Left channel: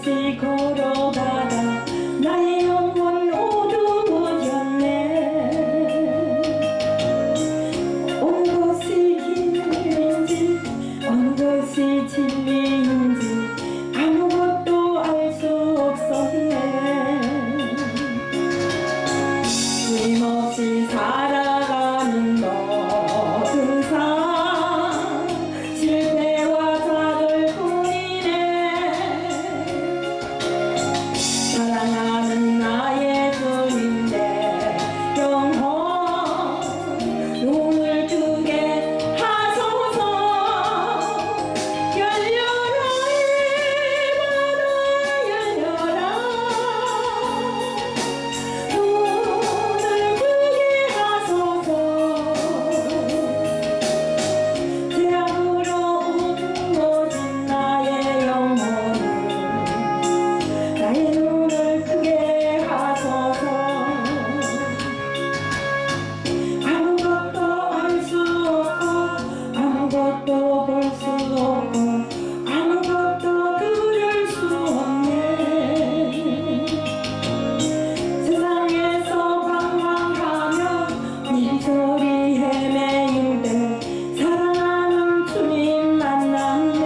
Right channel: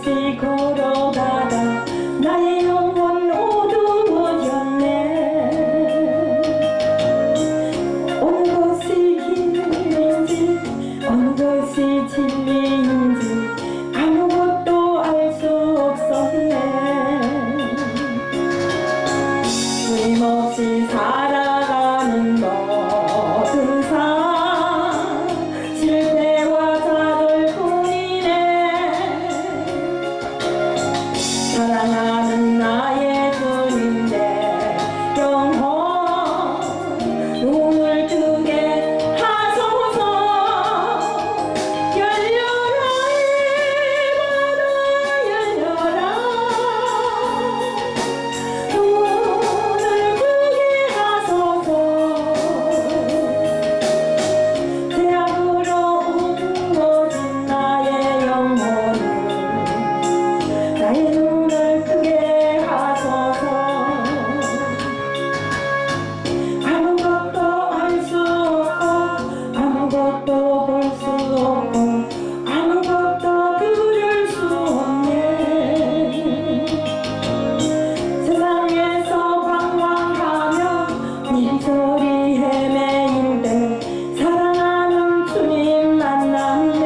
힘없이 걸어가다 나의 영혼 어두워졌네. 어느 것이 길인지 어느 것이 진리인지 아무것도 알 수 없었네. 힘없이 살아가는 모든 삶 실패와 좌절뿐이네. 사랑하는 나의 주님 내 영혼 눈을 뜨게 하소서. 열려라 이 바다 열려라. 눈을 뜨게 하소서. 죄악으로 움거진 나의 영혼을 나의 눈을 뜨게 하소서. 아무것도 알 수 없고 아무것도 볼 수 없고 아무것도 들을 수 없네. 세상에서 방황하며 빈소리 헤매일 때 사랑하는 주님 만났네.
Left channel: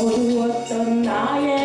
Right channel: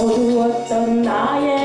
어두웠던 나의